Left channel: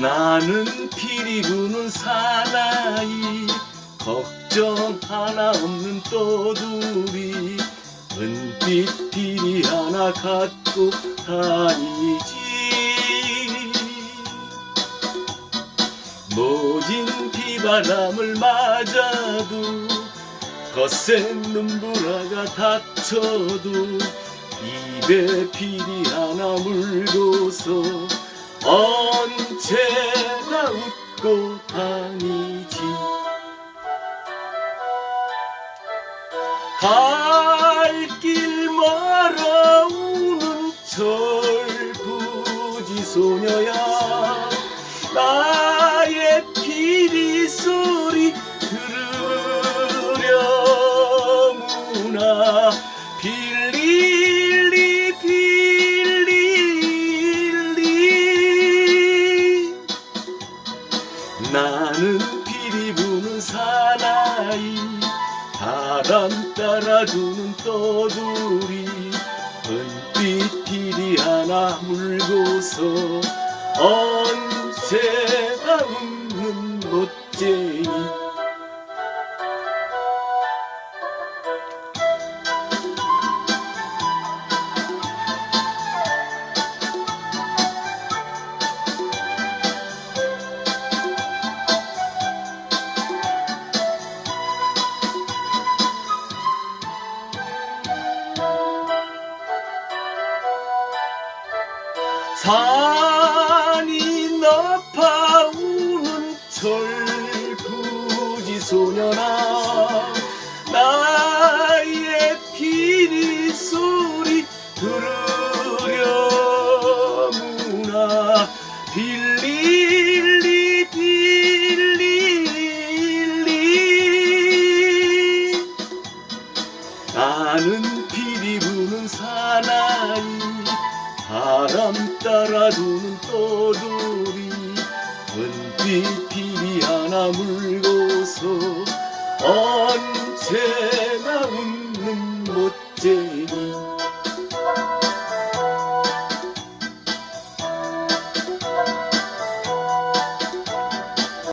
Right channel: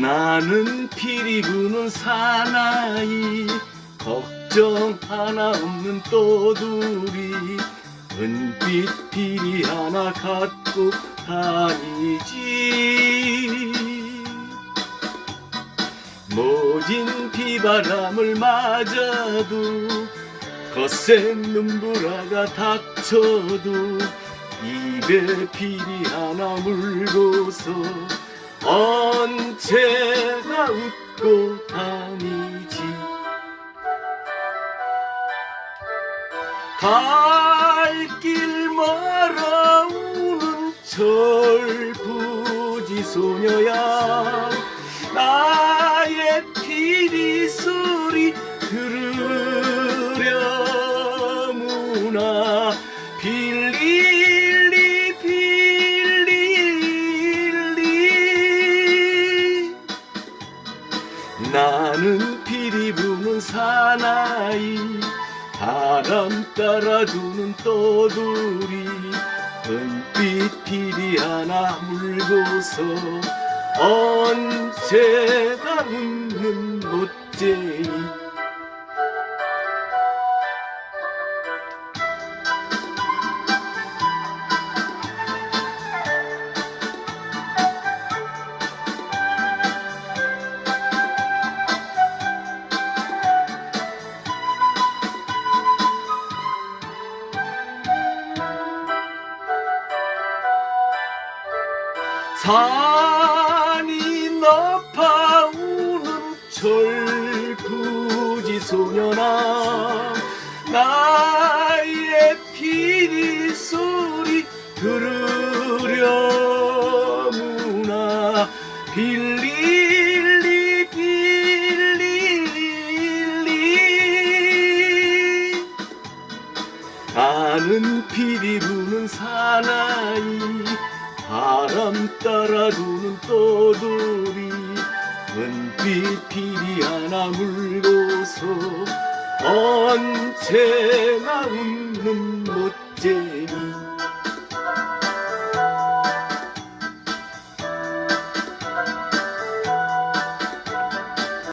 나는 피리 부는 사나이 걱정 하나 없는 또두리 은빛 피리 하나 갖고 다니지. 모진 비바람을 맞아도 거센 눈보라가 닥쳐도 입에 피리 하나 물고서 언제나 웃고 다니지. 갈 길 멀어 우는 철부지 소녀야. 나의 피 나는 피리 부는 사나이 바람 따라주는 떠돌이 은빛 피리 하나 물고서 언제나 웃는 못쟁이 산이 높아 우는 철부지 소년아 나의 피리 소리 들으려무나 빌릴리 빌릴리. 나는 피리 부는 사나이 바람 따라 두는 떠돌이 은빛 피리 하나 물고서 언제나 웃는 멋쟁이